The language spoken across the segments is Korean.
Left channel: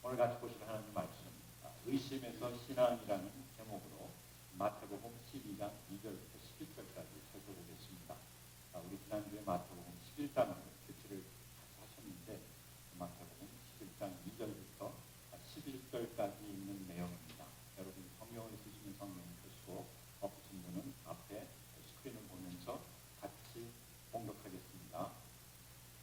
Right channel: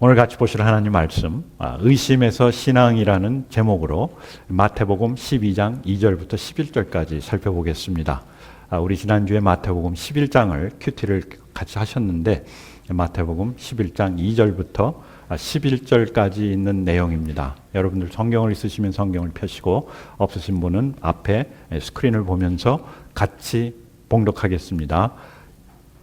오늘 같이 보실 하나님 말씀, 의심에서 신앙이라는 제목으로 마태복음 12장 2절부터 11절까지 살펴보겠습니다. 우리 지난주에 마태복음 11장을 큐티를 같이 하셨는데 마태복음 11장 2절부터 11절까지 있는 내용입니다. 여러분들 성경을 있으시면 성경을 펴시고 없으신 분은 앞에 스크린을 보면서 같이 봉독하겠습니다.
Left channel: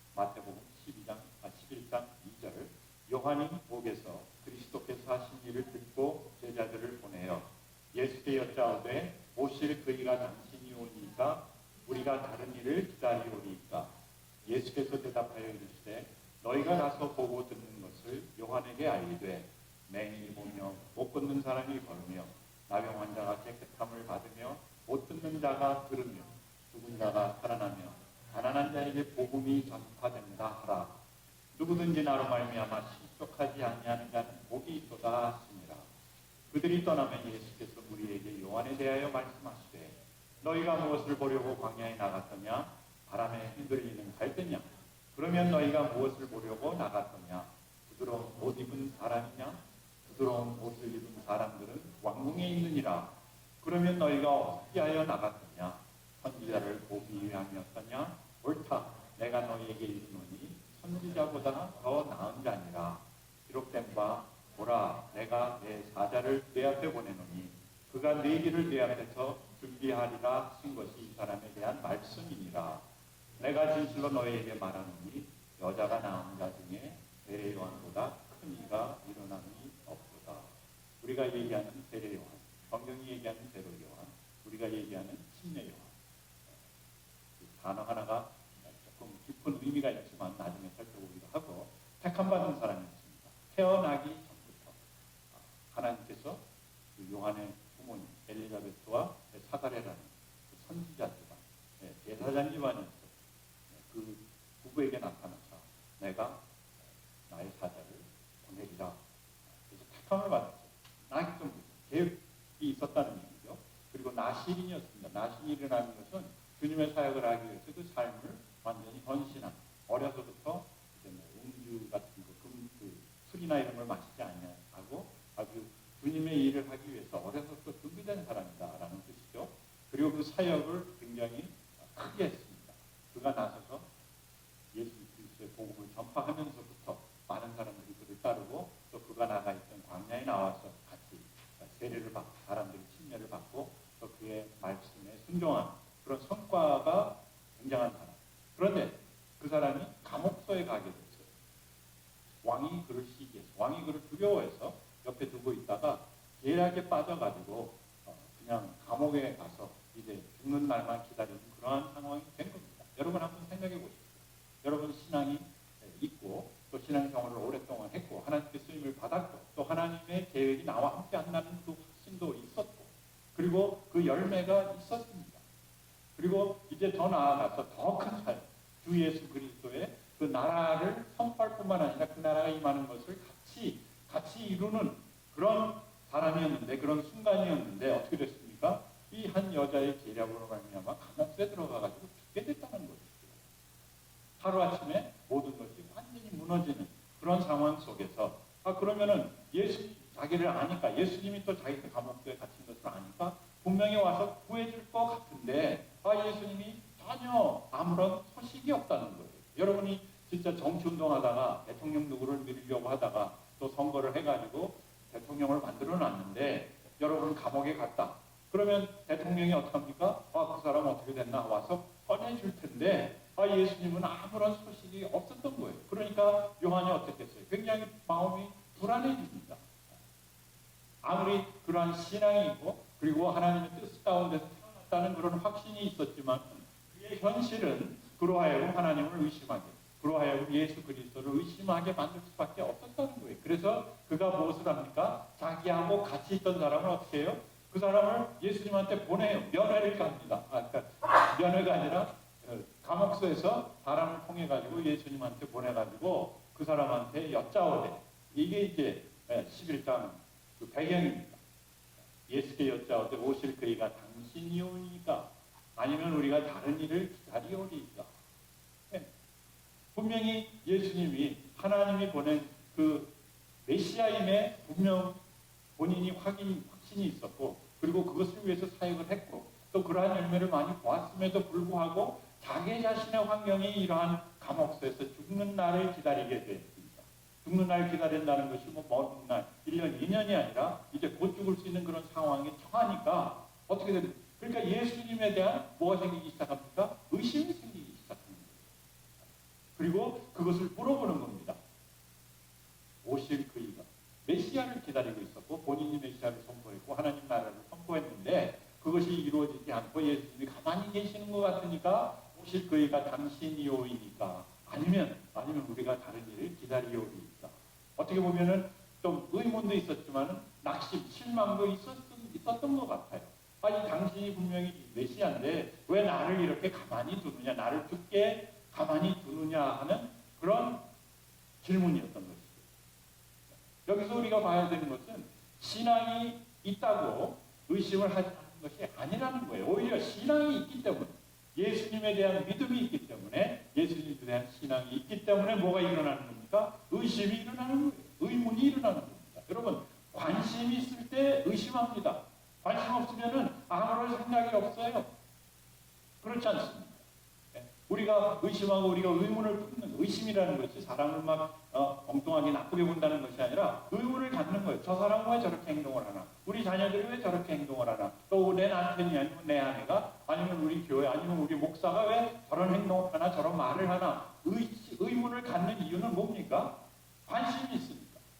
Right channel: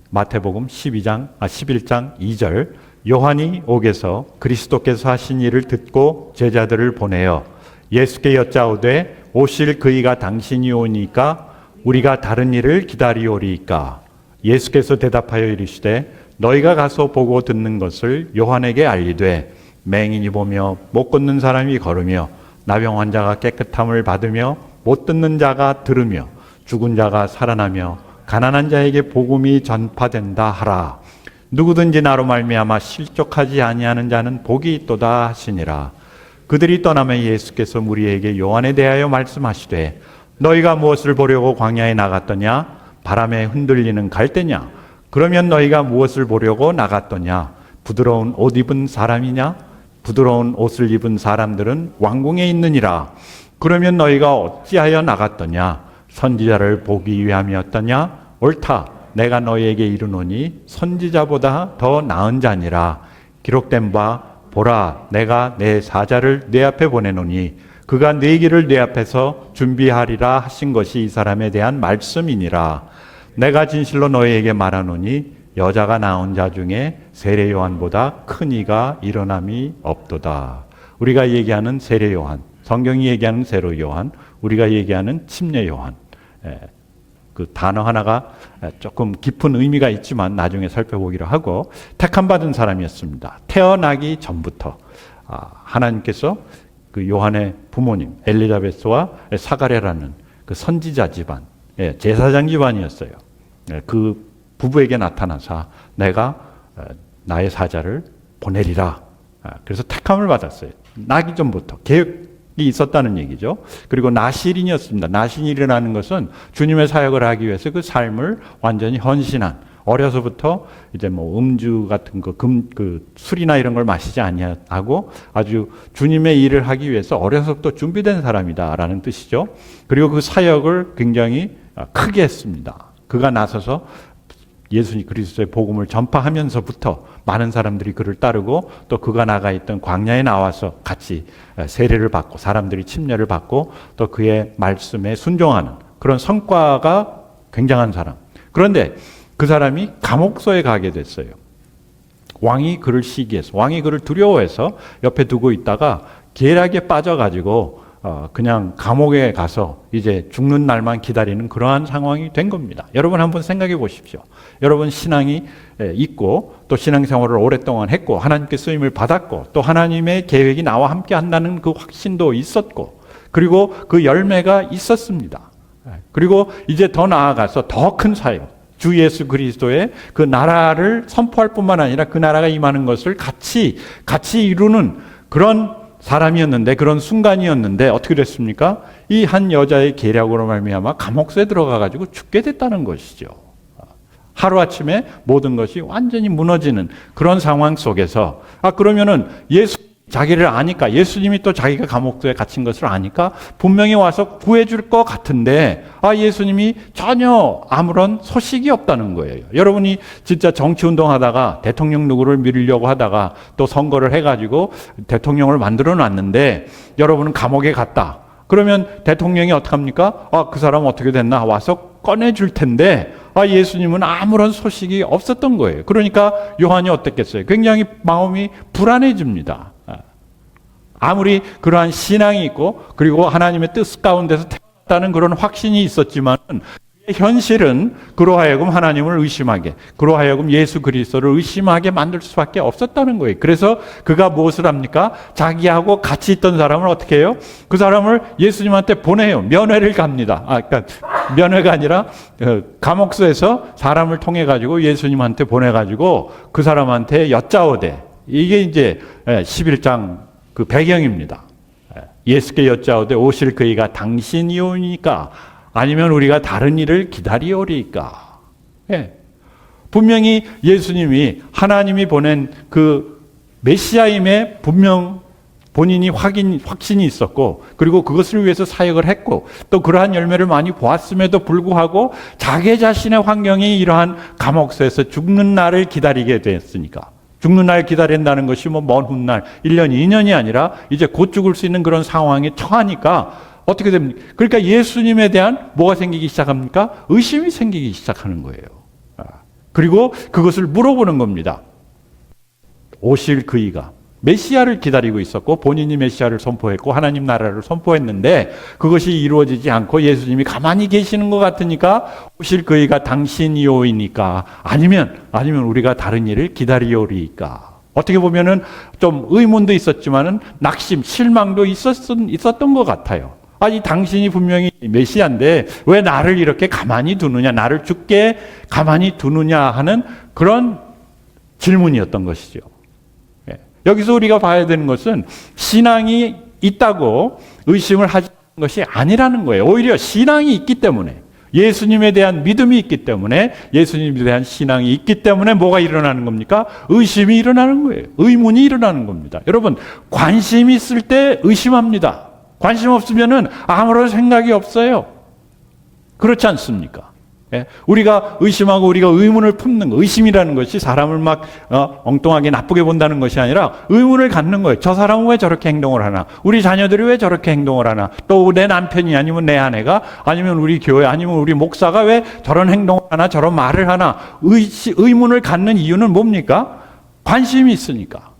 마태복음 11장 2절 요한이 옥에서 그리스도께서 하신 일을 듣고 제자들을 보내어 예수께 여짜오되 오실 그이가 당신이 오니까 우리가 다른 일을 기다리오리이까. 예수께서 대답하여 이르시되 너희가 가서 보고 듣는 것을 요한에게 알리되 맹인이 보며 못 걷는 사람이 걸으며 나병 환자가 깨끗함을 받으며 못 듣는 자가 들으며 죽은 자가 살아나며 가난한 자에게 복음이 전파된다 하라. 누구든지 나로 말미암아 실족하지 아니하는 자는 복이 있도다 하시니라. 그들이 떠나며 예수께서 무리에게 요한에 대하여 말씀하시되 너희가 무엇을 보려고 광야에 나갔더냐? 바람에 흔들리는 갈대냐? 그러면 너희가 무엇을 보려고 나갔더냐? 부드러운 옷 입은 사람이냐? 부드러운 옷을 입은 사람들은 왕궁에 있느니라. 그러면 너희가 어찌하여 나갔더냐? 선지자를 보기 위함이었더냐? 옳다. 내가 너희에게 이르노니 선지자보다 더 나은 자니라. 기록된 바 보라 내가 내 사자를 네 앞에 보내노니 그가 네 길을 네 앞에서 준비하리라 하신 것이 이 사람에 대한 말씀이니라. 내가 진실로 너희에게 말하노니 여자가 낳은 자 중에 세례 요한보다 큰 이가 일어남이 없도다. 우리가 얘기하는 세례 요한, 성경이 얘기하는 세례 요한, 우리가 얘기하는 침례 요한, 그 단어 하나가 조금 깊은 의미가 있지만 나중에 살펴보기로 하고 택함 받은 사람이었습니다. 태어나기 전부터 하나님께서 그 요한의 부모님 엘리자베스와 사가랴라는 그 선지자 집안, 제사장 집안이었어요. 그 부부에게 나타나서 내가 나의 사자를 보내리라. 그래서 택함을 받았어요. 나기 전부터 계획이 있었다는 얘기죠. 그리고 나실인이었습니다. 나실인이라는 것은 주님의 사역을 하기 위해서 그 삶을 완전히 헌신한, 어려서부터 이제 뭐 음주 같은 그 술이나 이런 걸 마시지 아니하고 아주 주님의 일을 하기 위해서 어려서부터 준비된 사람이다라는 뜻이죠. 그리고 그 사역을 굉장히 크게 했습니다. 그가 나서서 예수님 그리스도의 복음을 전파하면서부터 많은 사람들이 그를 따르고 또 그가 나가 있던 광야에 나와서 같이 세례를 받고 사람들이 침례를 받고 또 그의 말씀에 순종하는 그런 성과가 굉장한 사람. 그런데 그 사람이 감옥소에 가게 됐어요. 왕이 그를 시기해서, 왕이 그를 두려워해서 옆에 두고 있다가 계략에 빠져가지고 그냥 감옥에 가서 이제 죽는 날만 기다리는 그러한 상황이 된 겁니다. 여러분 한번 생각해 보십시오. 여러분 신앙이 있고 또 신앙생활을 오랫동안 했고 하나님께 쓰임을 받았고 또 하나님의 계획이 나와 함께 한다는 그 확신도 있었고 그리고 그 열매가 있었습니다. 그리고 이제 더 나아가서 더 큰 사역, 주 예수 그리스도의 그 나라를 선포할 뿐만 아니라 그 나라가 임하는 것을 같이 이루는 그런 사람이었는데, 그런 순간이었는데 어떻게 됐습니까? 이 한 여자의 계략으로 말미암아 감옥소에 들어가 가지고 죽게 됐다는 것이죠. 하루아침에 모든 것이 완전히 무너지는 그런 상황 속에서 그러면은 자기를 아니까, 예수님이 또 자기가 감옥소에 갇힌 것을 아니까 분명히 와서 구해줄 것 같은데 예수님이 전혀 아무런 소식이 없다는 거예요. 여러분이 진짜 정치운동 하다가 대통령 누구를 밀려고 하다가 또 선거를 해가지고 대통령을 만들어 놨는데 여러분은 감옥에 갔다. 그러면 대통령이 어떡합니까? 그 사람 어떻게 됐나 와서 꺼내줄 텐데 예수님은 아무런 소식이 없었던 거예요. 그러니까 요한이 어땠겠어요? 굉장히 마음이 불안해집니다. 아무리 그러한 신앙이 있고 그리고 하나님의 뜻 가운데서 태어났다는 그런 확신이 있었지만 현실은 그로 하여금 하나님을 의심하게, 그로 하여금 예수 그리스도를 의심하게 만들 수밖에 없었다는 거예요. 그래서 그가 무엇을 합니까? 자기하고 같이 있던 사람을 어떻게 해요? 그 사람을 예수님한테 보내요. 면회를 갑니다. 그러니까 면회가 아니라 감옥소에서 사람을 통해 가지고 예수님한테 보내 가지고 그 사람한테 여짜오되, 이게 이제 11장 그 배경입니다. 예수께 여짜오되 오실 그이가 당신이 오니까 아니면 우리가 다른 일을 기다리오리까. 분명히 예수님이 하나님이 보낸 그 메시아임에 분명 본인이 확신이 있었고, 그리고 그것을 위해서 사역을 했고, 또 그러한 열매를 많이 보았음에도 불구하고 자기 자신의 환경이 이러한 감옥소에서 죽는 날을 기다리게 됐으니까, 죽는 날 기다린다는 것이 뭐 먼 훗날 1년, 2년이 아니라 이제 곧 죽을 수 있는 그런 상황에 처하니까 어떻게 됩니까? 그러니까 예수님에 대한 뭐가 생기기 시작합니까? 의심이 생기기 시작하는 거예요. 그리고 그것을 물어보는 겁니다. 오실 그이가 메시아를 기다리고 있었고, 본인이 메시아를 선포했고 하나님 나라를 선포했는데 그것이 이루어지지 않고 예수님이 가만히 계시는 것 같으니까 오실 그이가 당신이오이니까 아니면 우리가 다른 일을 기다리오리까. 어떻게 보면은 좀 의문도 있었지만은 낙심, 실망도 있었던 것 같아요. 아니, 당신이 분명히 메시아인데 왜 나를 이렇게 가만히 두느냐, 나를 죽게 가만히 두느냐 하는 그런 질문이었던 것이죠. 여기서 우리가 봐야 되는 것은 신앙이 있다고 의심을 하는 것이 아니라는 거예요. 오히려 신앙이 있기 때문에, 예수님에 대한 믿음이 있기 때문에, 예수님에 대한 신앙이 있기 때문에 뭐가 일어나는 겁니까? 의심이 일어나는 거예요. 의문이 일어나는 겁니다. 여러분, 관심이 있을 때 의심합니다. 관심 없으면은 아무런 생각이 없어요. 그렇지 않습니까? 우리가 의심하고 우리가 의문을 품는 거, 의심이라는 것이 사람을 막 엉뚱하게 나쁘게 본다는 것이 아니라 의문을 갖는 거예요. 저 사람은 왜 저렇게 행동을 하나? 우리 자녀들이 왜 저렇게 행동을 하나? 또 내 남편이 아니면 내 아내가 아니면 우리 교회 아니면 우리 목사가 왜 저런 행동을 하나, 저런 말을 하나? 의문을 갖는 이유는 뭡니까? 관심이 있으니까.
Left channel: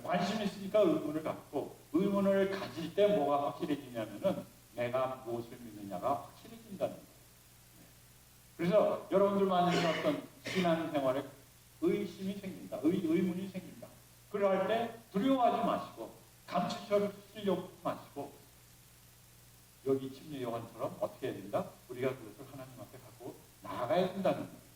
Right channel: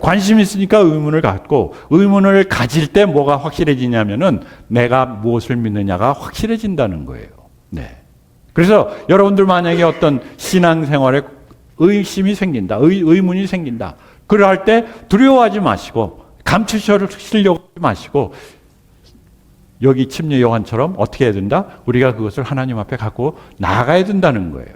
관심이 있으니까 의문을 갖고, 의문을 가질 때 뭐가 확실해지냐면은 내가 무엇을 믿느냐가 확실해진다는 거예요. 네. 그래서 여러분들 만약에 어떤 신앙생활에 의심이 생긴다, 의문이 생긴다, 그럴 때 두려워하지 마시고 감추시려고 하지 마시고 여기 침례 요한처럼 어떻게 해야 된다? 우리가 그것을 하나님 앞에 갖고 나아가야 된다는 거예요.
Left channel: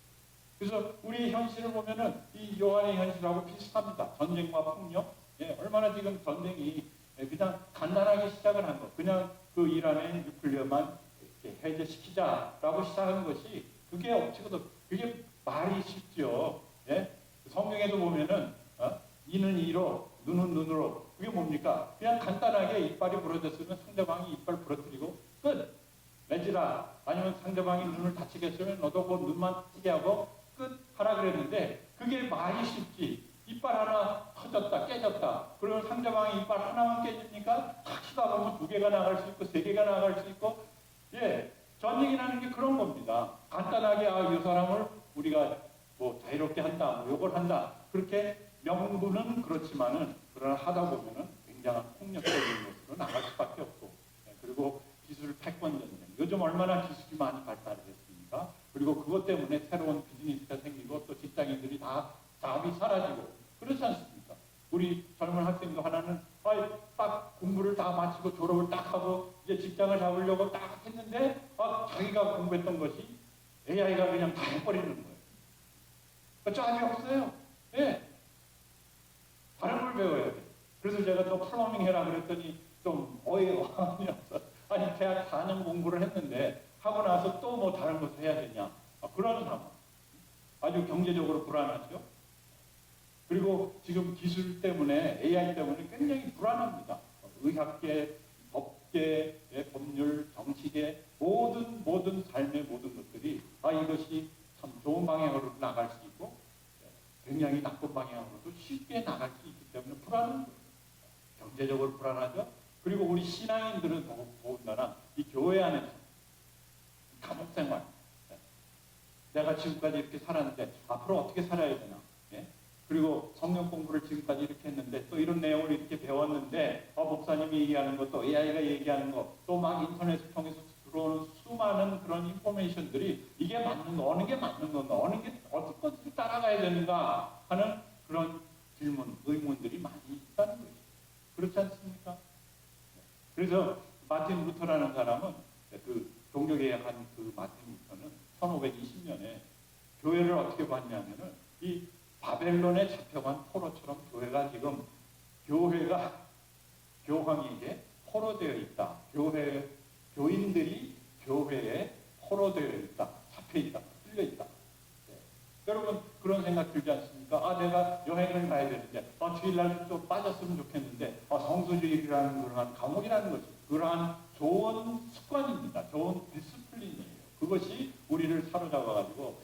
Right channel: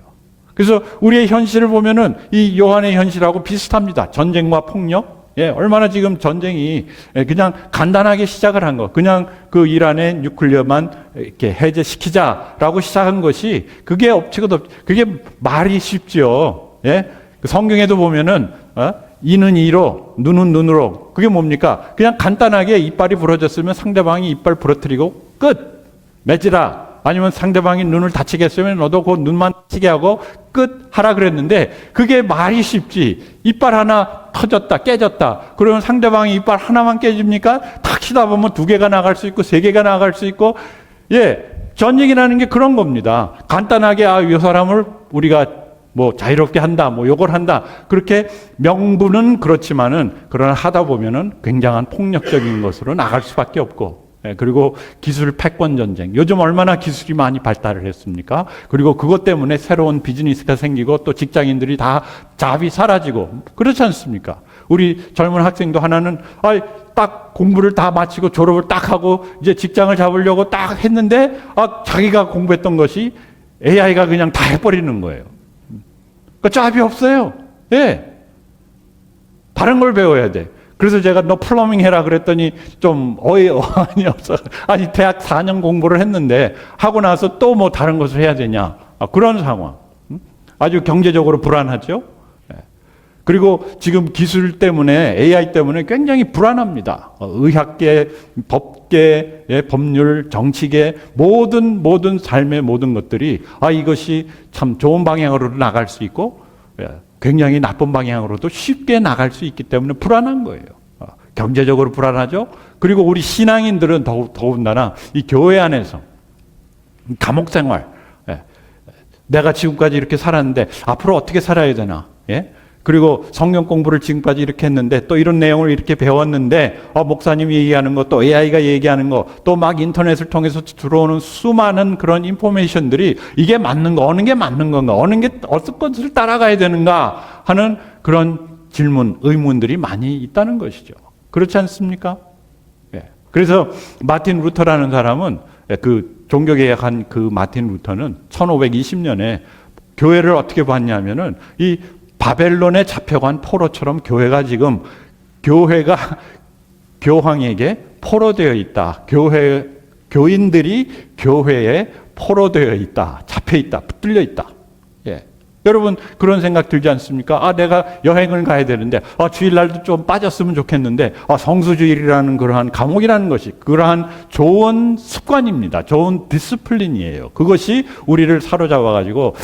그래서 우리의 현실을 보면은 이 요한의 현실하고 비슷합니다. 전쟁과 폭력. 얼마나 지금 전쟁이 그냥 간단하게 시작을 한 거, 그냥 그 이란의 뉴클리어만 이렇게 해제시키자라고 시작한 것이 그게 업체가 그게 말이 쉽죠. 성경에도 보면은 이는 이로, 눈은 눈으로. 그게 뭡니까? 그냥 간단하게 이빨이 부러졌으면 상대방이 이빨 부러뜨리고 끝. 맺으라. 아니면 상대방이 눈을 다치게 했으면 너도 그 눈만 다치게 하고 끝 하라 그랬는데 그게 말이 쉽지. 이빨 하나 터졌다, 깨졌다. 그러면 상대방이 이빨 하나만 깨집니까? 탁 치다 보면 2개가 나갈 수 있고 3개가 나갈 수 있고. 전쟁이라는 게 그런 겁니다. 간단하게 이 사람을 우리가 뭐 자유롭게 한다, 뭐 요걸 한다. 그렇게 명분은 그렇지만은 그러나 하다 보면은 굉장한 폭력적인 것으로 나갈 수밖에 없고. 그리고 기술 패권 전쟁. 요즘 얼마나 기술이 많이 발달을 했습니까? 그리고 그것 때문에 새로운 비즈니스가 생기고 또 직장인들이 다 잡이 사라지고 그렇지 않습니까? 우리 젊은 학생도 하나는 딱 공부를 다 마치고 졸업을 딱 하고 이제 직장을 잡으려고 딱 했는데 자기가 공부했던 것이 AI가 그냥 다 해버리는 거예요. 그러니까 잡이 없어요. 다른 걸 배워야 돼. 그래서 제가 너 플러밍 해라 그랬더니 좀 어이없이 없어. 아니 대학 4년 공부를 했는데 하고 나서 또 뭐 다른 것을 해야 되냐. 그런 상황. 아주 경제적으로 불안하죠. 그리고 지금 기술 때문에 AI 때문에 굉장히 불안합니다. 의학계, 법계, 법률, 정치계 모든 삶의 모든 것들이 이것이 참 좋은 방향으로 나갈 수 있고 굉장히 나쁜 방향으로도 쉽게 나갈 수 있기 때문에 불안한 거예요. 경제적으로 불안하죠. 그리고 우리 신앙인들은 더군다나 이 교회 안에서 감옥 생활, 내가 지금까지 이렇게 살았는데 앞으로 어떻게 살아야 되나? 그리고 성경 공부를 지금까지 이렇게 했는데 또 이런 내용을 이렇게 배웠는데 목사님이 얘기하는 거 또 AI가 얘기하는 거 또 막 인터넷을 통해서 들어오는 수많은 그런 인포메이션들이 이게 맞는 거 어느 게 맞는 건가 어느 게 어떤 것을 따라가야 되는가 하는 그런 질문 의문들이 많이 있다는 것이죠. 그렇지 않습니까? 그래서 마틴 루터라는 사람은 그 종교개혁한 그 마틴 루터는 1520년에 교회를 어떻게 봤냐면은 이 바벨론에 잡혀간 포로처럼 교회가 교황에게 포로되어 있다. 교인들이 교회에 포로되어 있다. 잡혀 있다. 붙들려 있다. 여러분 그런 생각 들지 않습니까? 아, 내가 여행을 가야 되는데 주일날도 좀 빠졌으면 좋겠는데 성수주일이라는 그러한 감옥이라는 것이 그러한 좋은 습관입니다. 좋은 디스플린이에요. 그것이 우리를 사로잡아 가지고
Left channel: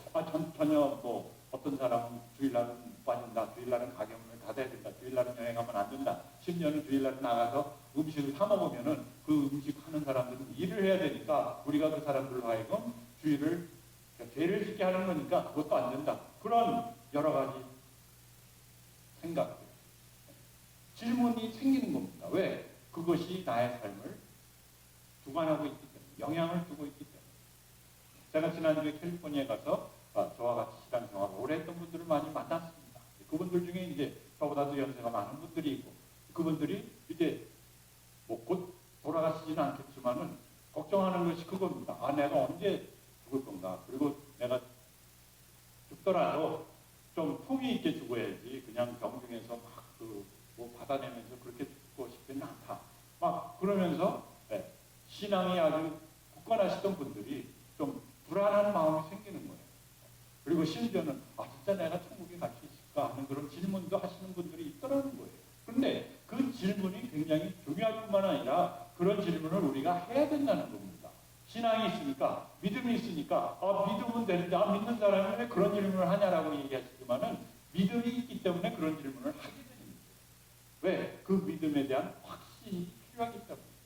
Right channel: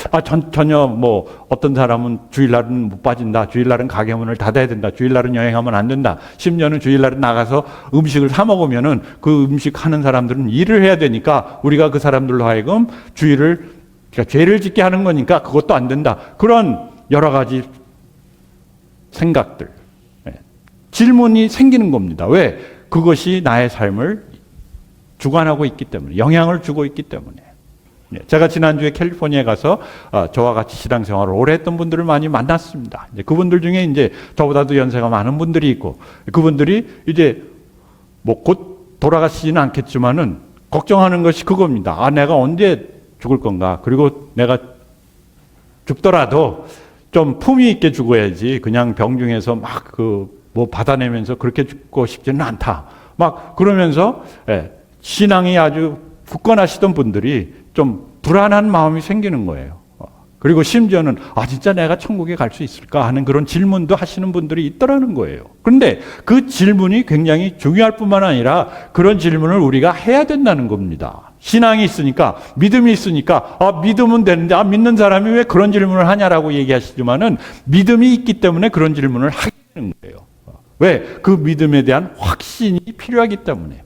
전혀 뭐 어떤 사람은 주일날은 못 빠진다. 주일날은 가게 문을 닫아야 된다. 주일날은 여행하면 안 된다. 심지어는 주일날은 나가서 음식을 사 먹으면은 그 음식 하는 사람들은 일을 해야 되니까 우리가 그 사람들로 하여금 주일을 그러니까 죄를 짓게 하는 거니까 그것도 안 된다. 그런 여러 가지 생각들, 질문이 생기는 겁니다. 왜? 그것이 나의 삶을 주관하고 있기 때문에, 영향을 주고 있기 때문에. 제가 지난주에 캘리포니아에 가서 저와 같이 신앙생활을 오래 했던 분들을 많이 만났습니다. 그분들 중에 이제 저보다도 연세가 많은 분들이 있고 그분들이 이제 뭐 곧 돌아가시지는 않겠지만은 걱정하는 것이 그겁니다. 내가 언제 죽을 건가? 그리고 내가 죽더라도 좀 품위 있게 죽어야지. 그냥 병중에서 막 뭐 받아내면서 그렇게 죽고 싶지는 않다. 막 그러면서 신앙이 아주 굳건하시던 분들이 좀 불안한 마음이 생기는 거예요. 그리고 심지어는 진짜 내가 천국에 갈 수 있을까 하는 그런 질문도 하시는 분들이 있더라는 거예요. 그런데 그 질문이 굉장히 중요할 뿐만 아니라 그런 질문을 우리가 해야 된다는 겁니다. 신앙이 있으니까, 믿음이 있으니까, 믿으면 되는데, 믿는 사람이 왜 그런 질문을 하냐라고 얘기하시지만은 믿음이 있기 때문에 그런 질문을 하게 되는 거예요. 왜? 그 믿음에 대한 확신이 필요하기 때문에.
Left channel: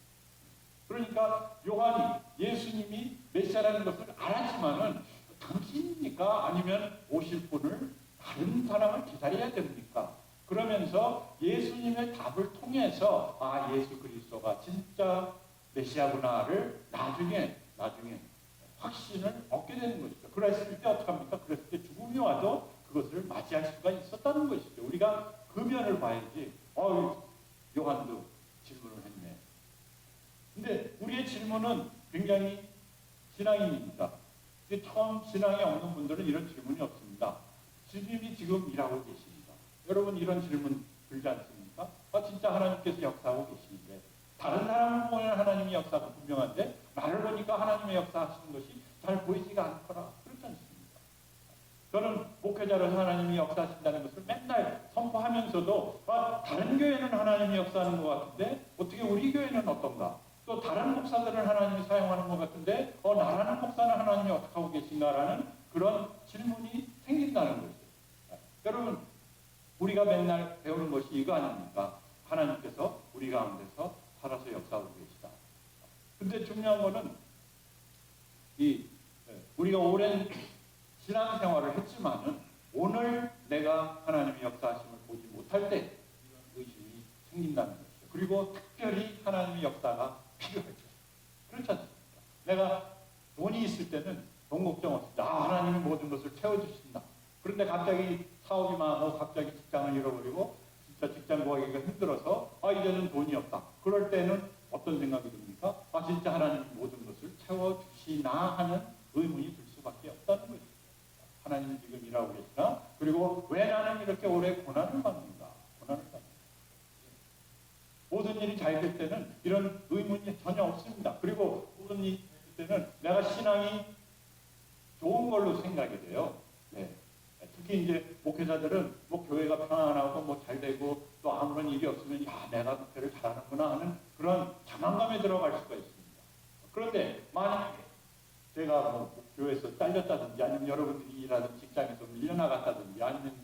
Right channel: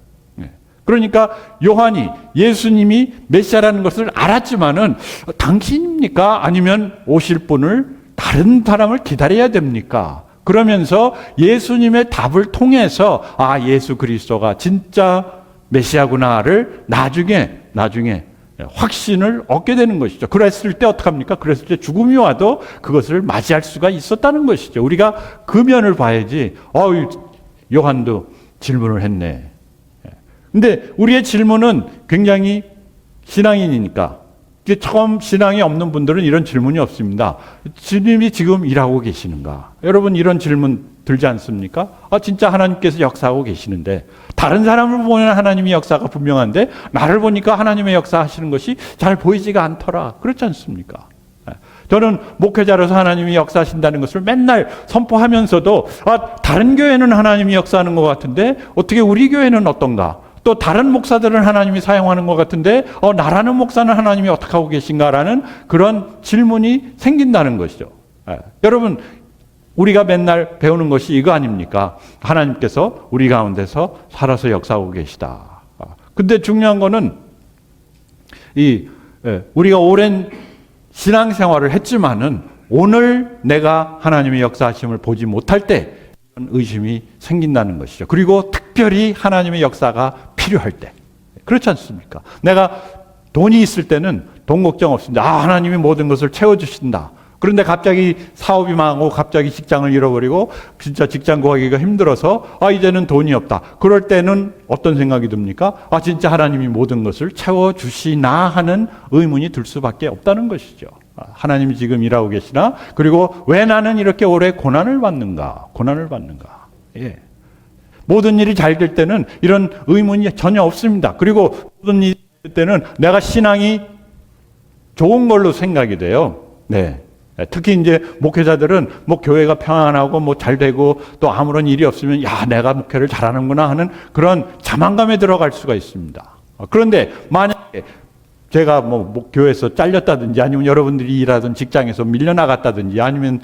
그러니까 요한이 예수님이 메시아라는 것을 알았지만은 당신입니까? 아니면 오실 분을 다른 사람을 기다려야 됩니까? 그러면서 예수님의 답을 통해서 예수 그리스도가 진짜 메시아구나를 나중에 확신을 얻게 되는 것이죠. 그랬을 때 어떡합니까? 그랬을 때 죽음이 와도 그것을 맞이할 수가 있었다는 것이죠. 우리가 그 면을 봐야지. 요한도 질문을 했네. 근데 우리의 질문은 굉장히 신앙인이니까 처음 신앙이 없는 분들은 이런 질문이 없습니다. 주님이 지금 일하고 계시는가? 여러분 이런 질문 들지 않습니까? 진짜 하나님께서 역사하고 계시는데 다른 사람을 보면 하나님의 역사가 분명한데 나를 보니까 하나님의 역사하시는 것이 잘 보이지가 않더라. 그렇지 않습니까? 저는 목회자로서 하나님이 역사하신다는 것을 맨날 선포하면서도 다른 교회는 하나님이 역사하는 것 같은데 어떻게 우리 교회는 어떤가? 또 다른 목사들은 하나님이 사용하는 것 같은데 나라는 목사는 하나님이 어떻게 하고 계신가라는 그런 질문이 생긴다는 것이죠. 여러분 우리가 맨날 배우는 것이 이거 아닙니까? 하나님께서 우리 가운데서 살아서 역사하고 계시다. 근데 중요한 거는 우리가 오랜 신앙생활을 했지만은 오늘 내가 하나님의 역사하심을 보지 못할 때 이런 의심이 생긴다는 것이죠. 그리고 특별히 하나님의 역사가 필요할 때. 그렇지 않습니까? 내가 돈이 있을 때는 돈 걱정 없습니다. 하나님이 모든 것을 채워주신다. 그런데 갑자기 사업이 망하고 갑자기 직장을 잃어버리고 진짜 직장 구하기가 힘들어서 이제는 돈이 없다. 그럴 때는 어떤 생각이 듭니까? 진짜 하나님이 모든 것을 채워주시나 하는 의문이 들 수밖에 없다는 것이죠. 하나님이 지금 일하고 계시나? 그리고 왜 나는 이렇게 오래 고난을 받는가? 모든 일이 잘 될 때는 이런 의문이 전혀 없습니다. 그리고 모든 일이 될 때는 내가 신앙이 좋은 걸로 생각이 돼요. 특히 이제 목회자들은 뭐 교회가 평안하고 뭐 잘 되고 또 아무런 일이 없으면 내가 목회를 잘하는구나 하는 그런 자만감에 들어갈 수가 있습니다. 그런데 만약에 제가 뭐 교회에서 잘렸다든지 아니면 여러분들이 일하던 직장에서 밀려나갔다든지 아니면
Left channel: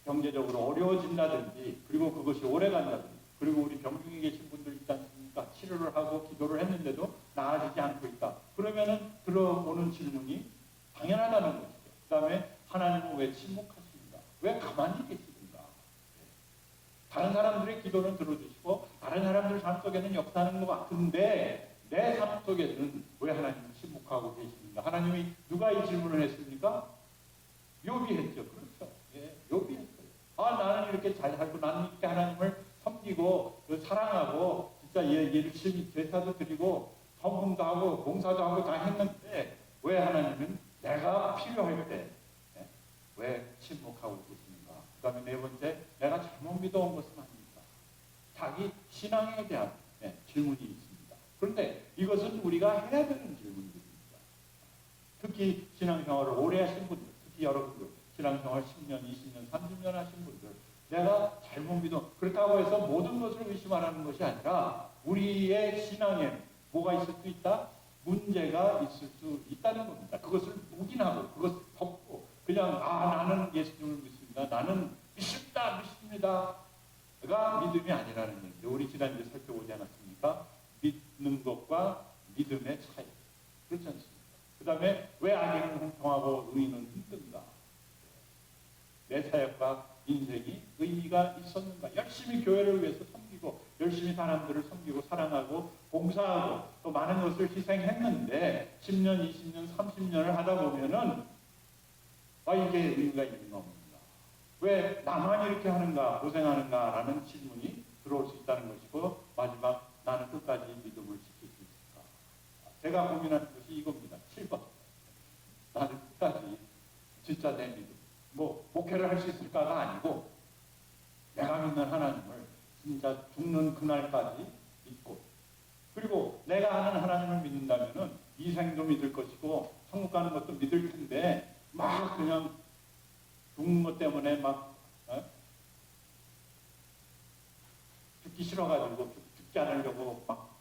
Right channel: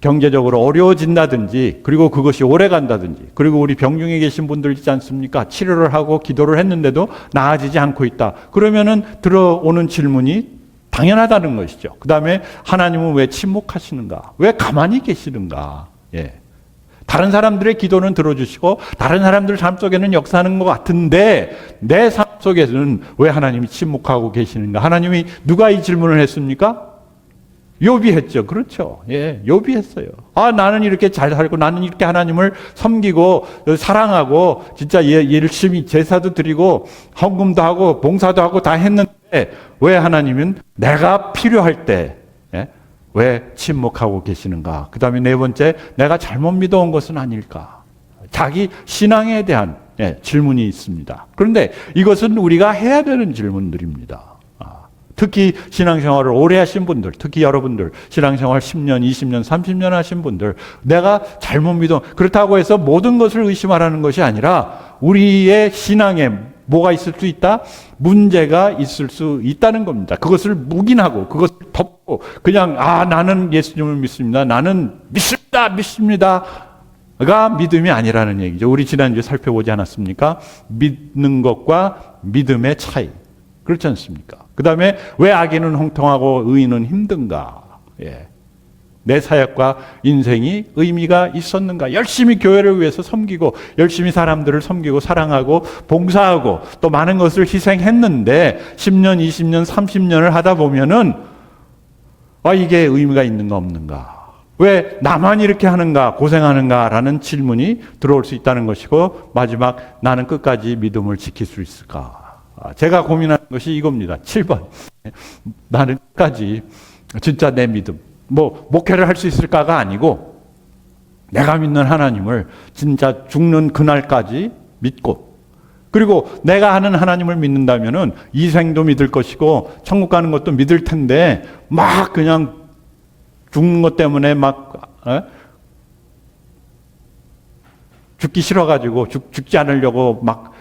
경제적으로 어려워진다든지 그리고 그것이 오래 간다든지 그리고 우리 병중에 계신 분들 있지 않습니까? 치료를 하고 기도를 했는데도 나아지지 않고 있다. 그러면은 들어오는 질문이 당연하다는 것이죠. 그 다음에 하나님은 왜 침묵하시는가? 왜 가만히 계시는가? 다른 사람들의 기도는 들어주시고 다른 사람들 삶 속에는 역사하는 것 같은데 내 삶 속에서는 왜 하나님이 침묵하고 계시는가? 하나님이 누가 이 질문을 했습니까? 욥이 했죠. 그렇죠. 욥이 했어요. 나는 이렇게 잘 살고 나는 이렇게 하나님을 섬기고 사랑하고 진짜 열심히 제사도 드리고 헌금도 하고 봉사도 하고 다 했는데 왜 하나님은 내가 필요할 때 왜 침묵하고 계시는가? 그 다음에 네 번째, 내가 잘못 믿어온 것은 아닐까? 자기 신앙에 대한 질문이 있습니다. 그런데 이것은 우리가 해야 되는 질문들입니다. 특히 신앙생활을 오래 하신 분들, 특히 여러분들 신앙생활 10년, 20년, 30년 하신 분들, 내가 잘못 그렇다고 해서 모든 것을 의심하라는 것이 아니라 우리의 신앙에 뭐가 있을 수 있다? 문제가 있을 수 있다는 겁니다. 그것을 묵인하고 그것을 덮고 그냥 나는 예수님을 믿습니다. 나는 믿습니다가 믿음이 아니라는 얘기죠. 우리 지난주에 살펴보지 않았습니까? 믿는 것과 믿음의 차이. 그렇지 않습니까? 그 다음에 왜 악인은 형통하고 의인은 힘든가? 내 사역과 인생이 의미가 있었는가? 열심히 교회를 위해서 섬기고 열심히 사람들을 섬기고 사랑하고 봉사하고 또 많은 것을 희생했는데 10년, 20년, 30년을 하다 보면은 이게 의미가 있는가 없는가? 왜 나만 이렇게 하는가, 고생하는가라는 질문이 들어올 수 있다는 것이고, 마지막 나는 끝까지 믿음을 지킬 수 있을까? 제가 고민하는 것이 이겁니다. 7번. 나는 끝까지 진짜 내 믿음, 목회를 할 수 있을까가 아니고 내가 믿는 하나님을 진짜 죽는 그날까지 믿고, 그리고 내가 하는 하나님을 믿는다면은 이 생도 믿을 것이고 천국 가는 것도 믿을 텐데 막 그냥 죽는 것 때문에 죽기 싫어가지고 죽지 않으려고 막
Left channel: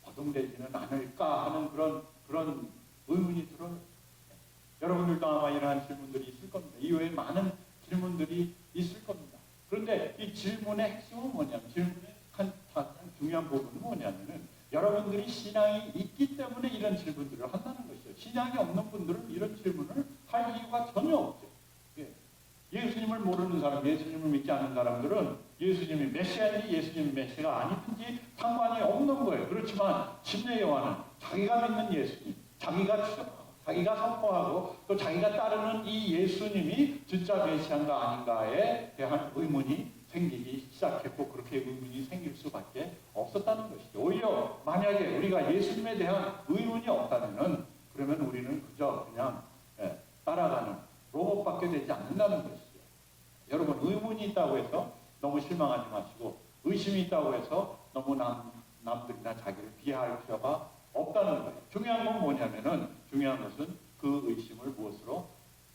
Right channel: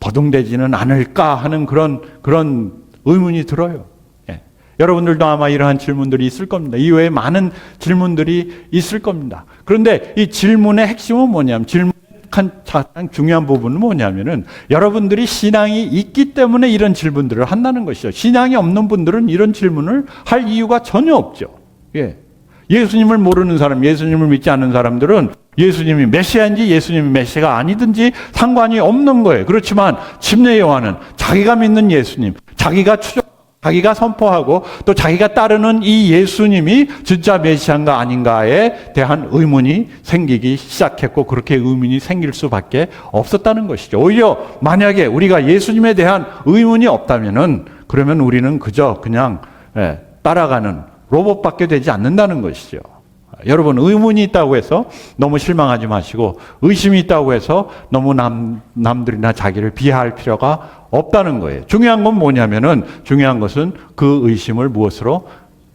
버둥대지는 않을까 하는 그런 의문이 들어요. 여러분들도 아마 이러한 질문들이 있을 겁니다. 이외에 많은 질문들이 있을 겁니다. 그런데 이 질문의 핵심은 뭐냐면, 질문의 가장 중요한 부분은 뭐냐면은 여러분들이 신앙이 있기 때문에 이런 질문들을 한다는 것이죠. 신앙이 없는 분들은 이런 질문을 할 이유가 전혀 없죠. 예수님을 모르는 사람, 예수님을 믿지 않는 사람들은 예수님이 메시아인지 예수님이 메시아가 아니든지 상관이 없는 거예요. 그렇지만 침례 요한은 자기가 믿는 예수님, 자기가 선포하고 또 자기가 따르는 이 예수님이 진짜 메시아인가 아닌가에 대한 의문이 생기기 시작했고, 그렇게 의문이 생길 수밖에 없었다는 것이죠. 오히려 만약에 우리가 예수님에 대한 의문이 없다면은, 그러면 우리는 그냥 따라가는 로봇밖에 되지 않는다는 것이죠. 여러분, 의문이 있다고 해서 너무 실망하지 마시고, 의심이 있다고 해서 너무 남들이나 자기를 비하할 필요가 없다는 거예요. 중요한 건 뭐냐면은, 중요한 것은 그 의심을 무엇으로?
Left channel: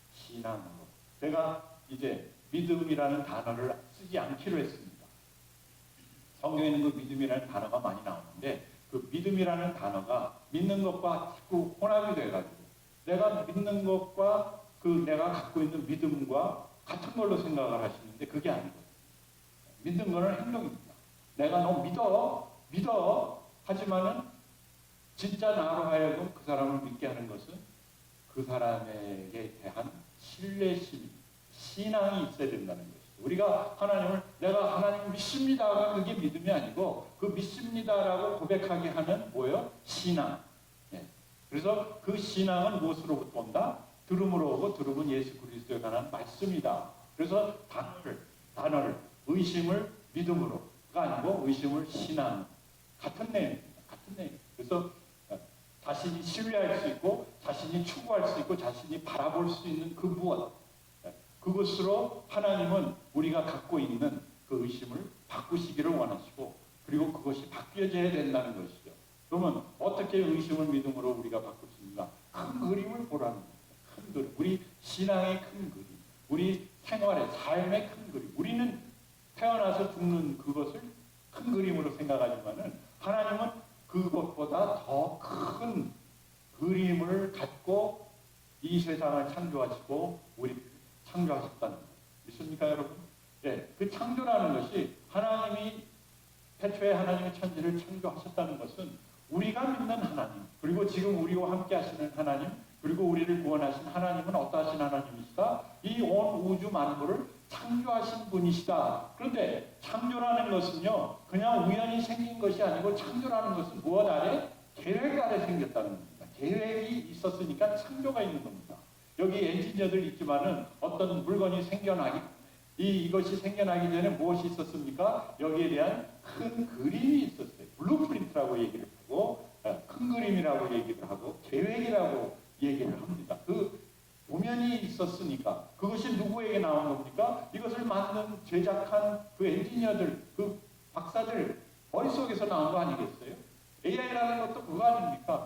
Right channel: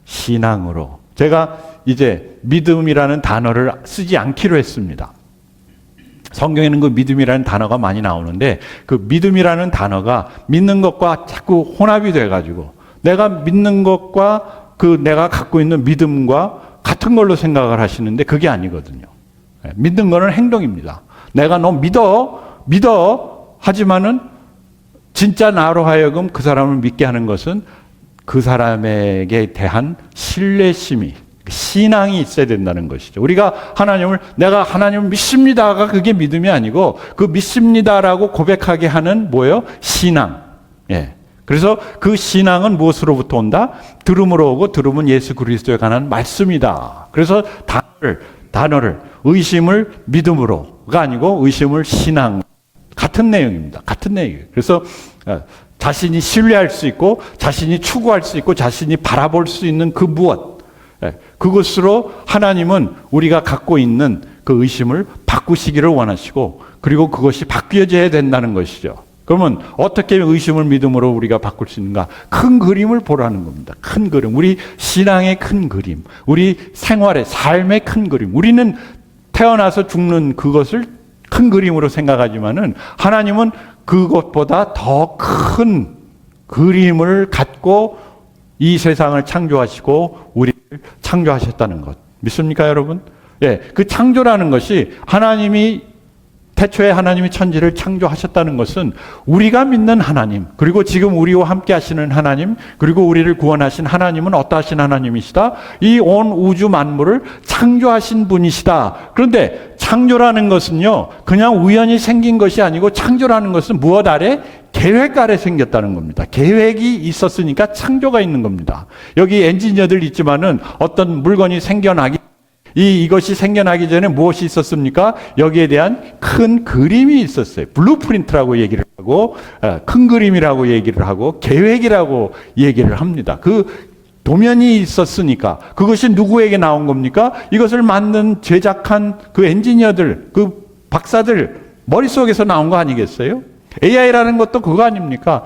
신앙으로. 제가 이제 믿음이라는 단어를 쓰지 않기로 했습니다. 성경에는 그 믿음이라는 단어가 많이 나오는데, 그 믿음이라는 단어가 믿는 것과 자꾸 혼합이 돼가지고 내가 믿는 것과 내가 갖고 있는 믿음과 같은 걸로 생각을 하시는데 그게 아니거든요. 믿는 거는 행동입니다. 내가 너 믿어 하지만은 진짜 나로 하여금 그 사람을 믿게 하는 것은 그 사람에게 대한 신뢰심이, 신앙이 있어야 된다는 것이죠. 우리가 내가 하나님을 믿습니다가 그게 믿음이 아니고, 그 믿습니다라고 고백하게 하는 신앙. 그래서 그 신앙은 무엇으로부터 온다? 들음으로 오고, 들음은 예수 그리스도에 관한 말씀이다. 그래서 단어를 의심을 믿음으로가 아니고 의심을 신앙, 같은 내용입니다. 같은 내용이에요. 그래서 자신이 신뢰할 수 있고, 자신이 추구할 수 있고, 자신이 바라볼 수 있는 그 무엇, 그것으로 하나님은 우리가 갖고 있는 그 의심을 바꾸시기를 원하시고, 그리고 그것이 바뀌어져야 된다는 것이죠. 그러면 어떻게 의심을 믿음으로 우리가 바꿀 수 있는가? 큰 그림을 보라는 겁니다. 큰 그림. 우리 신앙의 큰 그림. 우리 생활의, 삶의 큰 그림. 우리는 태어나서 죽는 그것을 큰 그림으로 생각하지만은 하나님은 그것보다 더 큰 그림을 갖고 이 세상을 창조하시고 우리를 창조하셨다는 것. 믿습니까, 여러분? 그 창조라는 것이 태초에 하나님이 천지를 창조하셨다는 것은 우리가 믿는 하나님, 그리고 지금 우리와 함께 하시는 하나님, 그리고 우리를 구원하신 하나님은 어떠하신 하나님이시다? 이 온 우주 만물을 창조하신 분이시다. 그런데 창조라는 것은요, 그냥 우연히 생긴 것이 아니고, 창조라는 것은 무엇 아래? 계획 아래 생겼다는 겁니다. 계획이 있었으니까 창조가 있는 겁니다. 여기 엔지니어들 있지만은 어떤 물건이 이것이 생겨나기 전에 무엇이 있었습니까? 여기에 대한 큰 그림이 있었어요. 블루프린트라고 얘기를 하고, 큰 그림이라고 얘기를 하고, 계획이라고 얘기를 합니다. 그 도면이 있었으니까 그것이 누구에게 나온 겁니까? 이것을 제작한 그 엔지니어들, 그 박사들 머릿속에서 나온 거 아니겠어요? AI라는 것도 그거 아닙니까?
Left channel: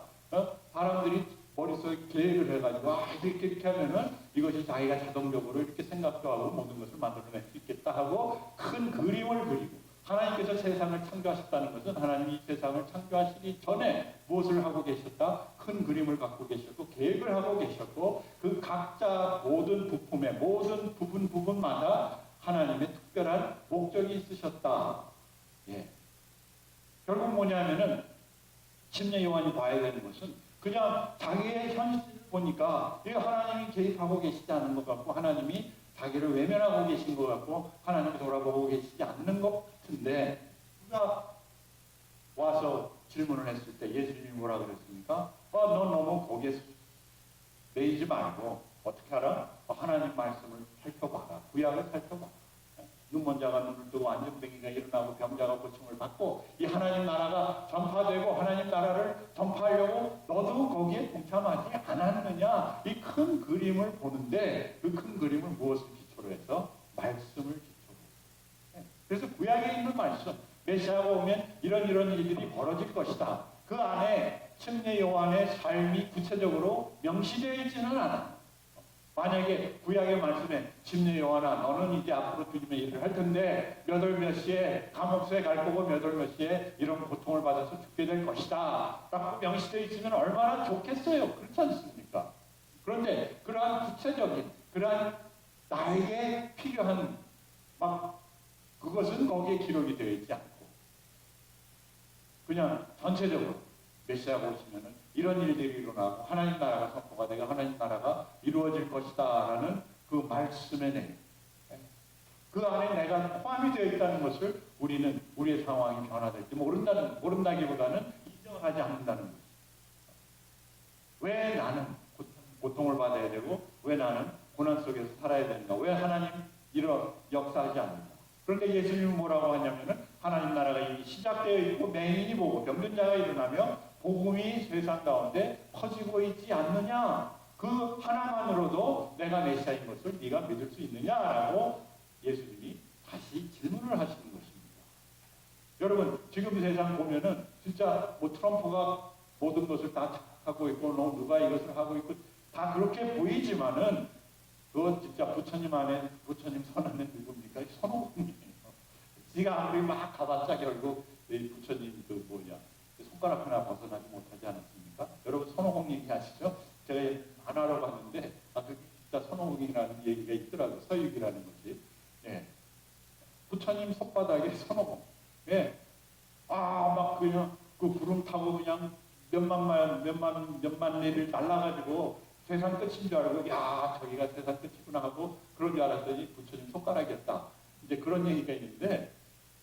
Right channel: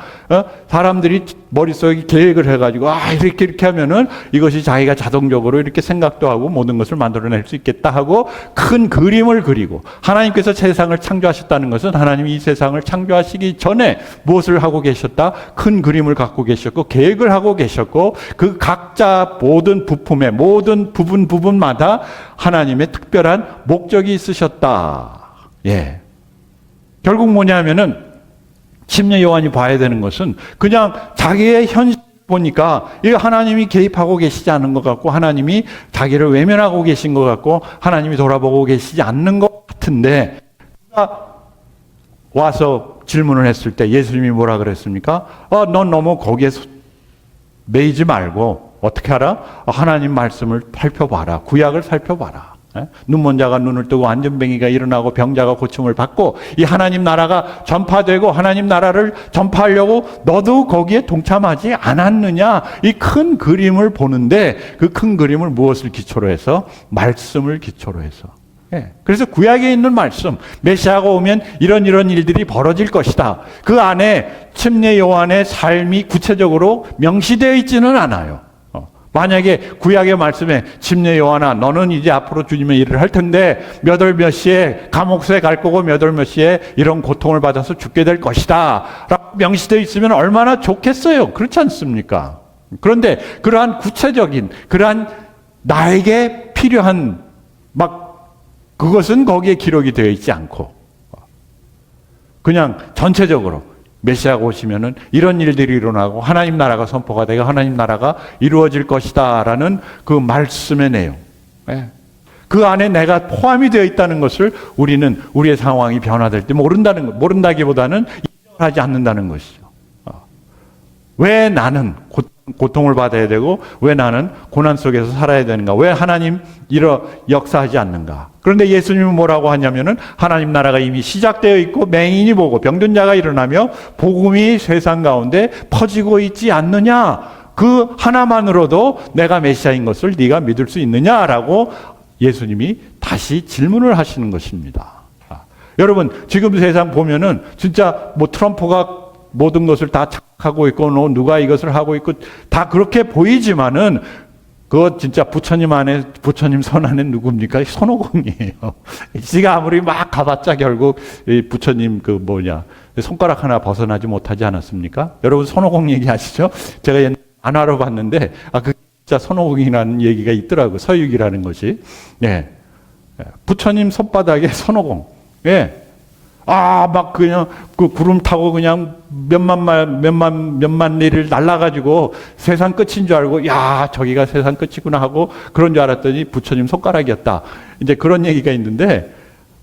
사람들이 머릿속에 계획을 해가지고, 이렇게 하면은 이것이 자기가 자동적으로 이렇게 생각도 하고 모든 것을 만들어낼 수 있겠다 하고 큰 그림을 그리고, 하나님께서 세상을 창조하셨다는 것은 하나님이 이 세상을 창조하시기 전에 무엇을 하고 계셨다? 큰 그림을 갖고 계셨고, 계획을 하고 계셨고, 그 각자 모든 부품의 모든 부분마다 하나님의 특별한 목적이 있으셨다. 예. 결국 뭐냐면은, 침례 요한이 봐야 되는 것은 그냥 자기의 현실 보니까 이 하나님이 개입하고 계시지 않은 것 같고, 하나님이 자기를 외면하고 계신 것 같고, 하나님이 돌아보고 계시지 않는 것 같은데, 그가 와서 질문을 했을 때 예수님이 뭐라 그랬습니까? 넌 너무 거기에 매이지 말고 어떻게 하라? 하나님 말씀을 살펴봐라. 구약을 살펴봐라. 눈먼 자가 눈을 뜨고 안전뱅이가 일어나고 병자가 고침을 받고, 이 하나님 나라가 전파되고 하나님 나라를 전파하려고 너도 거기에 동참하지 않았느냐? 이 큰 그림을 보는데, 그 큰 그림을 무엇을 기초로 해서? 말씀을 기초로 해서. 그래서 구약에 있는 말씀, 메시아가 오면 이런 일들이 벌어질 것이다. 그 안에 침례 요한의 삶이 구체적으로 명시되어 있지는 않아요. 만약에 구약의 말씀에 침례 요한아, 너는 이제 앞으로 주님의 일을 할 텐데 몇 월 몇 시에 감옥에 갈 거고 몇 월 몇 시에 이런 고통을 받아서 죽게 될 것이다 라고 명시되어 있으면 얼마나 좋겠어요. 그렇지 않습니까? 그런데 그러한 구체적인, 그러한 나에게 필요한 그것은 거기에 기록이 되어 있지 않고, 그냥 전체적으로 메시아가 오시면은 이런 일들이 일어나고 하나님 나라가 선포가 되고 하나님 나라가 이루어질 것이다라는 그 말씀의 내용, 그 안에 내가 포함이 되어 있다는 것을 우리는 우리의 상황이 변화될 때 모른다기보다는 인정하지 않는다는 것이죠. 왜 나는 고통을 받아야 되고 왜 나는 고난 속에서 살아야 되는가? 왜 하나님 역사하지 않는가? 그런데 예수님은 뭐라고 하냐면은 하나님 나라가 이미 시작되어 있고 맹인이 보고 병든 자가 일어나며 복음이 세상 가운데 퍼지고 있지 않느냐? 그 하나만으로도 내가 메시아인 것을 네가 믿을 수 있느냐라고 예수님이 다시 질문을 하시는 것입니다. 여러분, 지금 세상 보면은 진짜 트럼프가 모든 것을 다 착하고 있고 누가 이것을 하고 있고 다 그렇게 보이지만은 그거 진짜 부처님 손 안에 누굽니까? 손오공이에요. 지가 아무리 막 가봤자 결국 부처님 손가락 하나 벗어나지 못하지 않았습니까? 여러분 손오공 얘기하시죠? 제가 옛날에 만화로 봤는데 그 진짜 손오공이라는 얘기가 있더라고요. 서유기라는 것이. 예. 부처님 손바닥에 손오공. 예. 그냥 그 구름 타고 그냥 몇만 리를 날아가지고 세상 끝인 줄 알고, 저기가 세상 끝이구나 하고 그런 줄 알았더니 부처님 손가락이었다. 이제 그런 얘기가 있는데,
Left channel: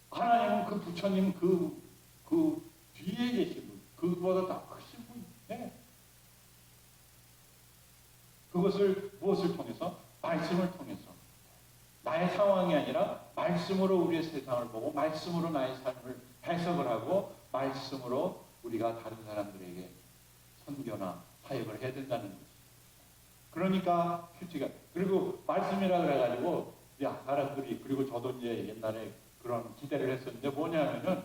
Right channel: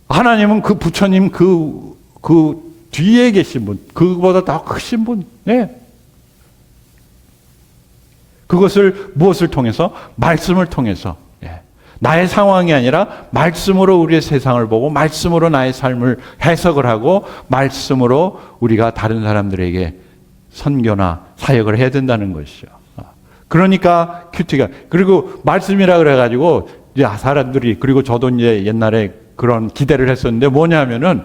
하나님은 그 부처님 그 뒤에 계신 분, 그보다 더 크신 분, 그것을 무엇을 통해서? 말씀을 통해서. 나의 상황이 아니라 말씀으로 우리의 세상을 보고 말씀으로 나의 삶을 해석을 하고 말씀으로 우리가 다른 사람들에게 선교나 사역을 해야 된다는 것이죠. 그러니까 큐티가, 그리고 말씀이라 그래가지고 이제 사람들이, 그리고 저도 이제 옛날에 그런 기대를 했었는데 뭐냐면은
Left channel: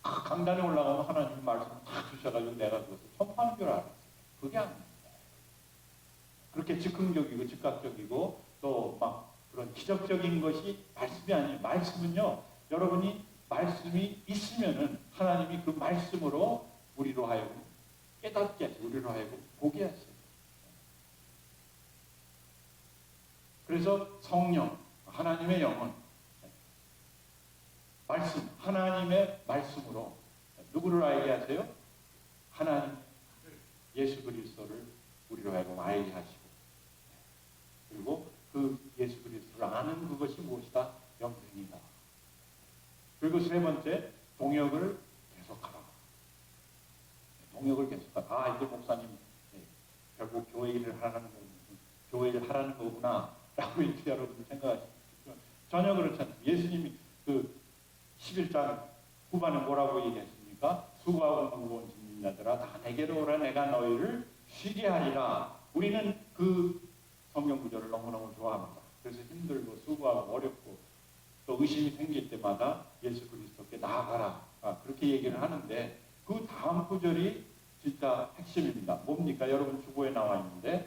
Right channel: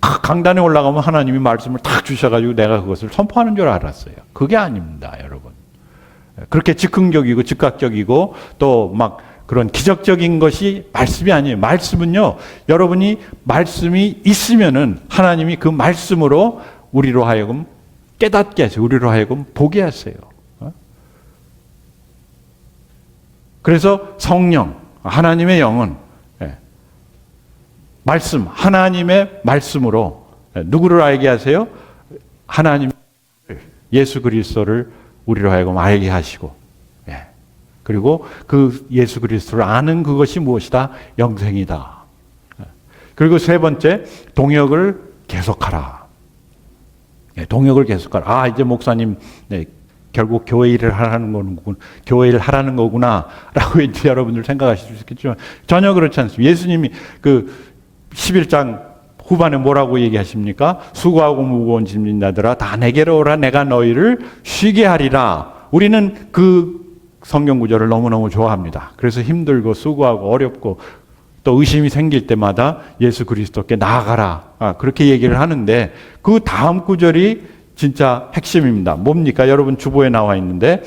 강단에 올라가면 하나님이 말씀을 딱 주셔가지고 내가 그것을 선포하는 줄 알았어요. 그게 아닙니다, 여러분. 그렇게 즉흥적이고 즉각적이고 또 그런 기적적인 것이 말씀이 아니에요. 말씀은요, 여러분이 말씀이 있으면은 하나님이 그 말씀으로 우리로 하여금 깨닫게 하세요. 우리로 하여금 보게 하세요. 그래서 성령, 하나님의 영은 말씀, 하나님의 말씀으로 누구를 알게 하세요? 하나님, 예수 그리스도를 우리로 하여금 알게 하시고, 그리고 그 예수 그리스도를 아는 그것이 무엇이다? 영생이다. 그리고 세 번째, 동역을 계속하라. 동역을 계속하라. 이제 목사님, 결국 교회 일을 하라는 거구나 라고 이제 여러분들 생각하실 수 있겠지만 전혀 그렇지 않습니다. 예수님이 그 11장 후반에 뭐라고 얘기하십니까? 수고하고 무거운 짐진 자들아 다 내게로 오라, 내가 너희를 쉬게 하리라. 우리는 그 성경 구절을 너무너무 좋아합니다. 그래서 힘들고 수고하고 어렵고 또 또 의심이 생길 때마다 예수 그리스도께 나아가라. 그렇게 얘기를 하는데 그 다음 구절이 진짜 핵심입니다. 뭡니까? 여러분 주보에 나와 있는데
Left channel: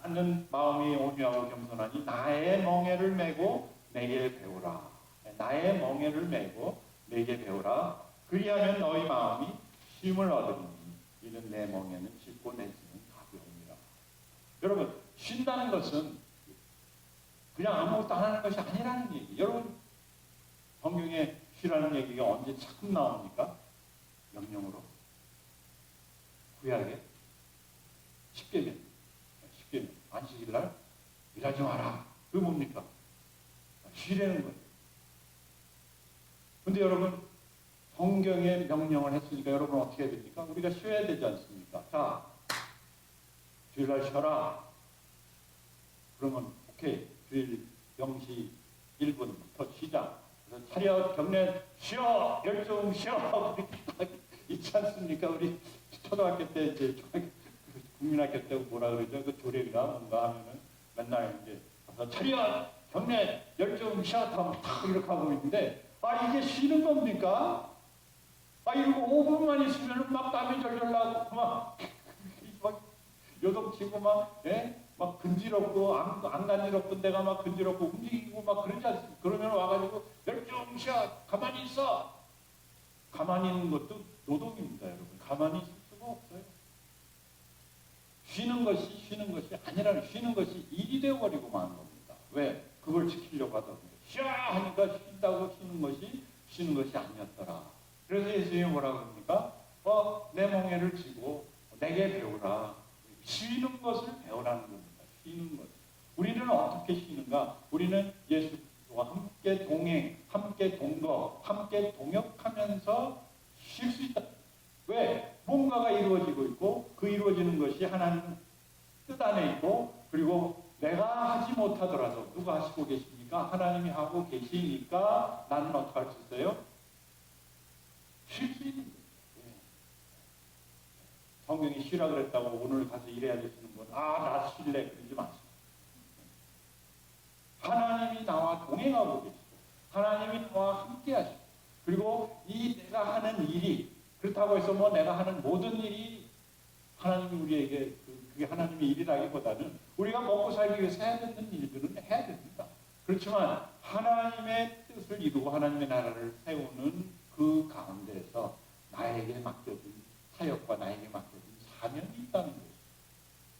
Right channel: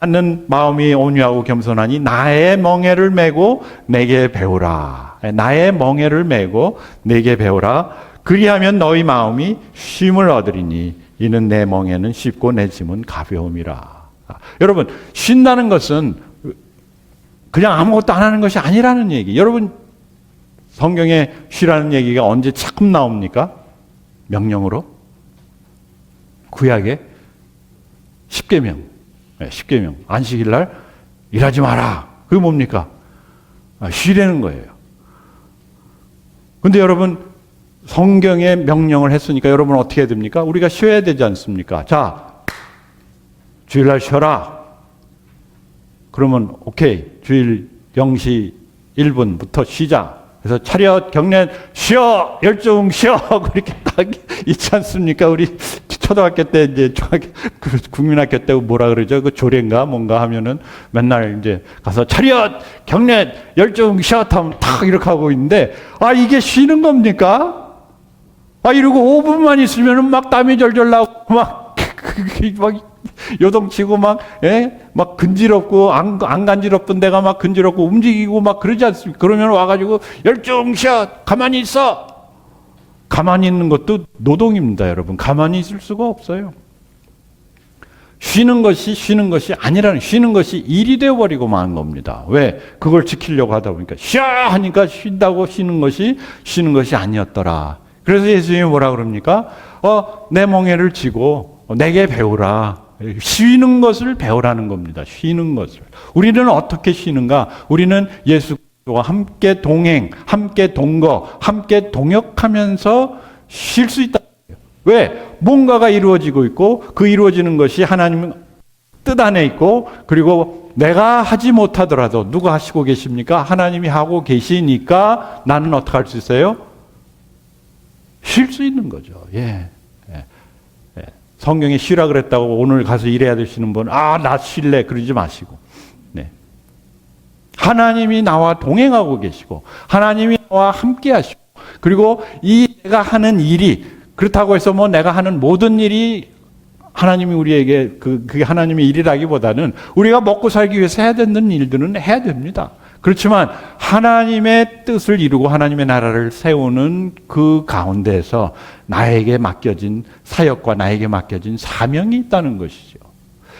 나는 마음이 온유하고 겸손하니 나의 멍에를 메고 내게 배우라. 나의 멍에를 메고 내게 배우라. 그리하면 너희 마음이 쉼을 얻으리니 이는 내 멍에는 쉽고 내 짐은 가벼움이라. 여러분 쉰다는 것은 그냥 아무것도 안 하는 것이 아니라는 얘기. 여러분 성경에 쉬라는 얘기가 언제 자꾸 나옵니까? 명령으로? 구약에 10계명. 10계명. 안식일 날 일하지 마라. 그게 뭡니까? 쉬라는 거예요. 근데 여러분 성경에 명령을 했으니까 여러분 어떻게 해야 됩니까? 우리가 쉬어야 되지 않습니까? 자, 주일날 쉬어라. 그러면 오케이. 주일 0시 1분부터 쉬자. 그래서 차렷 경례 쉬어 열중 쉬어 그렇게 딱 있지 않습니까? 우리 초등학교 때 이제 국민학교 때 뭐라 그러죠? 그 조례인가 뭔가 하면은 맨날 이제 가서 차렷 경례 열중 쉬어 하면 딱 이렇게 하고 있는데 이게 쉬는 겁니까? 이러고 5분만 있으면은 막 땀이 절절 나고 막 요동치고 막 근지럽고 안 간지럽던 데가 막 근지럽고 움직이고 막 그러지 않습니까? 그러면 와가지고 열중 쉬어 가만히 있어. 가만히 있는 것도 노동입니다, 여러분. 가만히 있을 수가 없어요. 쉬는 것이 아니라는, 쉬는 것이 일이 되어버리고 마는 겁니다. 왜? 그걸 지키려고 하다 보니까 쉬어 하니까 쉰다고 쉬는 것이 아니었더라. 그래서 예수님이 뭐라 그럽니까? 내 멍에를 지고 내게 배우라. 쉬는 것을 배우라는 겁니다. 쉬는 것을. 우리는 어떻게 쉬는가? 우리는 예수 그리스도와 함께 동행, 함께 동거, 함께 동역하면서 쉴 수 있다. 왜? 뭔가가 이루어지고 있고 그 이루어지는 것이 하나님 뜻 안에 있고 그리고 내가 하지 못하더라도 누가 하시고 계십니까? 하나님이 하고 계시니까 나는 어떻게 할 수 있어요? 쉴 수 있는 거죠. 성경에 쉬라 그랬다고 오늘 가서 일해야 되시는 분, 나 쉴래 그러지 마시고, 하나님이 나와 동행하고 계시고, 하나님이 나와 함께 하시고, 그리고 이 내가 하는 일이, 그렇다고 해서 뭐 내가 하는 모든 일이 하나님이 우리에게, 그게 하나님의 일이라기보다는 우리가 먹고 살기 위해서 해야 되는 일들은 해야 됩니다. 그렇지만 하나님의 뜻을 이루고 하나님의 나라를 세우는 그 가운데에서 나에게 맡겨진 사역과 나에게 맡겨진 사명이 있다는 것이죠.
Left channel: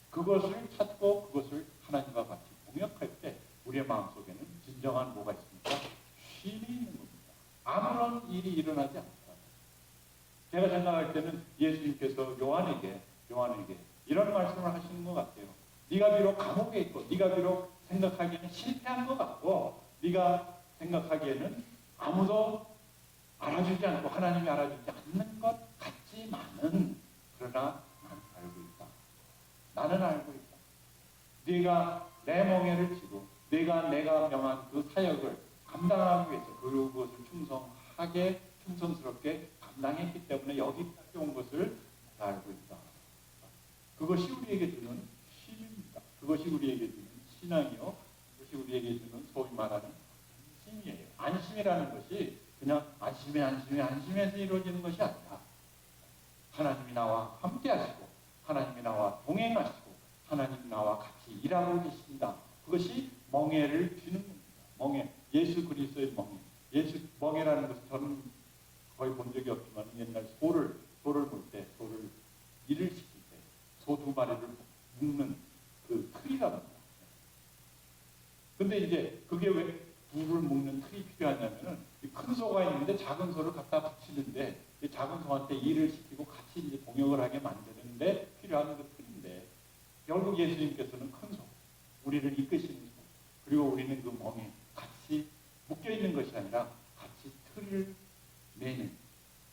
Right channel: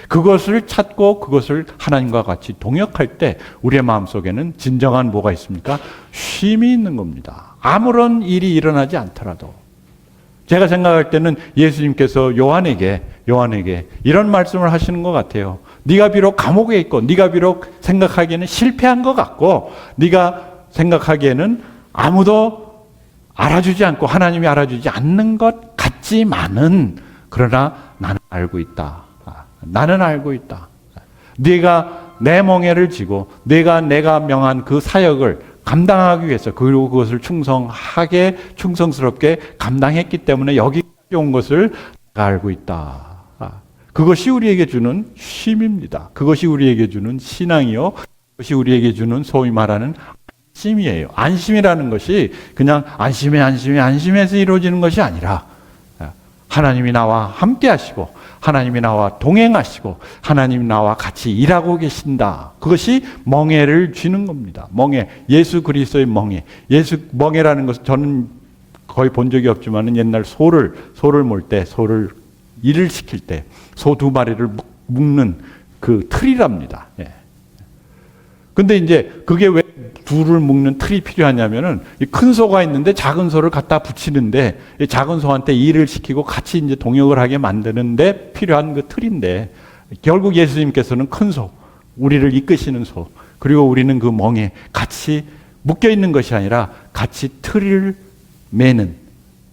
그것을 찾고 그것을 하나님과 같이 동역할 때 우리의 마음속에는 진정한 뭐가 있습니까? 쉼이 있는 겁니다. 아무런 일이 일어나지 않더라도. 제가 생각할 때는 예수님께서 요한에게 이런 말씀을 하시는 것 같아요. 네가 비록 감옥에 있고 네가 비록 생각하기에는 실패한 것 같고 네가 생각하기에는 아무도 알아주지 않고 하나님이 알아주지 않는 것 같지만은 그러나 나는 알고 있다. 나는 알고 있다. 네가 내 멍에를 지고 내가 명한 그 사역을 감당하기 위해서 그리고 그것을 충성스럽게 감당했기 때문에 여기까지 온 것을 내가 알고 있다. 그것이 우리에게 주는 쉼입니다. 그것이 우리에게 주는 신앙이요. 그것이 우리에게 주는 소위 말하는 안심이에요. 안심이라는 것이 그냥 안심해서 이루어지는 것이 아니라 하나님이 나와 함께 하시고 하나님이 나와 동행하시고 하나님이 나와 같이 일하고 계신다. 그것이 멍에를 쥐는 겁니다. 멍에, 예수 그리스도의 멍에. 멍에라는 것은 저는 거의 본 적이 없지만 옛날 소를 몰 때, 소를 일을 시킬 때 소 2마리를 묶는 그 틀이랍니다. 근데 이제 그게 왜 둘을 묶는 틀이 필요하냐면은 큰 소가 있는데 작은 소를 갖다 붙이는데 작은 소한테 일을 시키고 같이 이제 동역을 하게 만드는데 필요한 그 틀인데 결국 예수님께서는 큰 소, 우리를 이끄시는 소, 그리고 우리는 그 멍에 같이 묶여 있는 것이 아니라 같이 틀을 매는.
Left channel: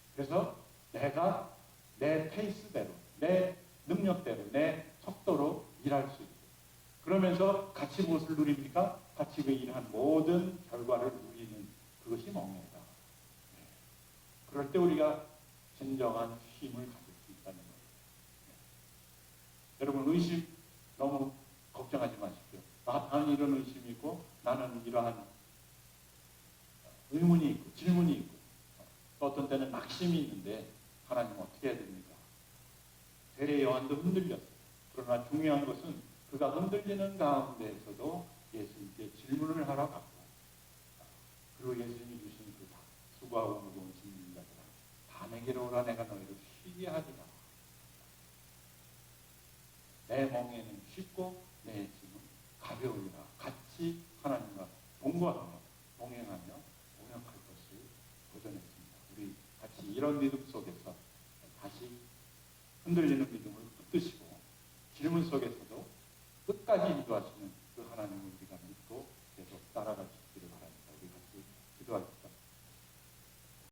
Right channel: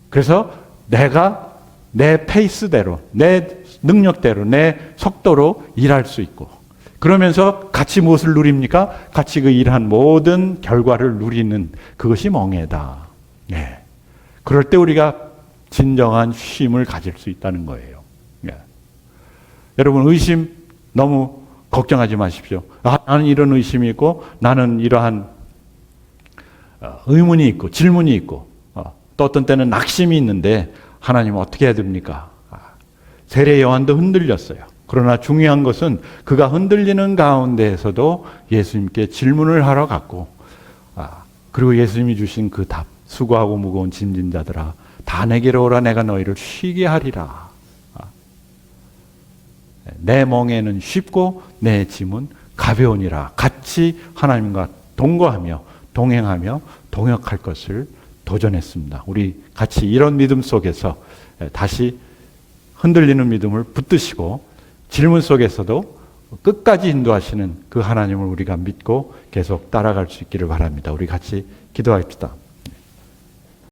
그래서 내가 내 페이스대로, 내 능력대로, 내 속도로 일할 수 있고 그러면서 같이 무엇을 누립니까? 같이 그 일한 모든 결과를 누리는 그것이 멍에다. 그럴 때 우리가 진정한 쉼을 가질 수 있다는 거예요. 여러분 의심 너무 걱정하지 마십시오. 나는 이런 의심이 있고 나는 이러한 의문이 있고 질문이 있고 또 어떤 때는 낙심이 있는데 하나님 어떻게 해야 됩니까? 세례 요한도 흔들렸어요. 그러나 중요한 것은 그가 흔들리는 가운데에서도 예수님께 질문을 하러 갔고 그리고 예수님이 주신 그 답, 수고하고 무거운 짐진 자들아 다 내게로 오라 내가 너희를 쉬게 하리라. 내 멍에는 쉽고 내 짐은 가벼우니라. 같이 하나님과 동거하며 동행하며 동역할 것을 도전했습니다. 우리 같이 이런 믿음 속에서 다시 흔들리는 믿음을 붙드시고 질문 속에서도 끝까지 인도하시는 그 하나님을 우리가 믿고 계속 따라갈 수 있기를 바랍니다. 우리 같이 기도합시다.